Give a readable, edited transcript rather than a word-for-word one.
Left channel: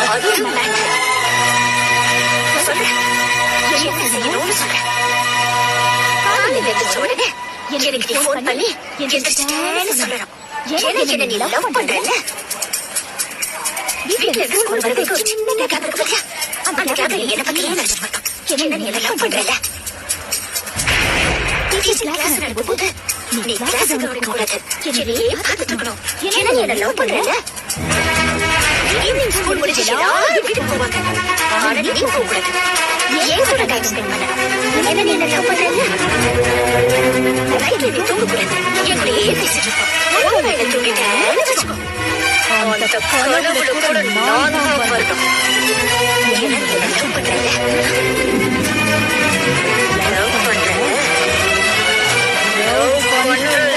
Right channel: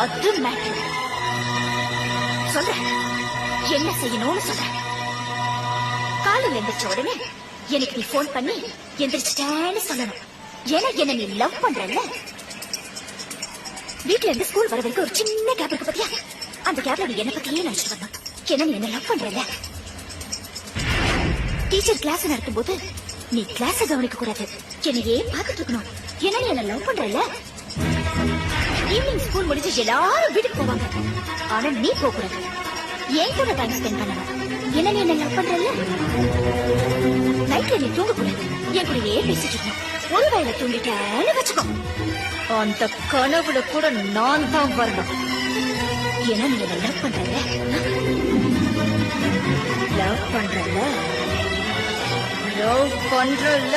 அது மேட்டர். சொல்றேன், என்ன செய்யணும்னு சொல்றேன். காலையில் எந்திரிச்ச உடனே எனக்கு போன் பண்ணி எந்திரிச்சிட்டேன்னு சொல்லணும். எனக்கு என்ன நீ லவ் பண்றல? வீட்டுல இருந்து ஸ்கூல் வர வரைக்கும் ஒரு சின்ன கேப் இருக்கு. அந்த கேப்ல என்ன நீ லவ் பண்றல? டீச்சர் கிளாஸ் நடக்கும்போது நீ கிளாஸ் கவனிக்க கூடாது. என்னையே பார்த்துட்டு இருக்கணும். என்ன நீ லவ் பண்றல? ஈவினிங் ஸ்கூல் முடிஞ்சு எல்லாரும் வீட்டுக்கு போவாங்க. ஆனா நீ போகக்கூடாது. ஏன் கூட டைம் ஸ்பெண்ட் பண்ண? என்ன நீ லவ் பண்றல? நைட்ல தூங்கக்கூடாது. என்னையே பேசிட்டு ஒருவேளை தூங்கிட்டேன்னு வச்சுக்கோ. அந்த கனவுல கூட நான் தான் வரணும். என்ன நீ லவ் பண்றல? லவ் பண்றல? லவ் பண்றல?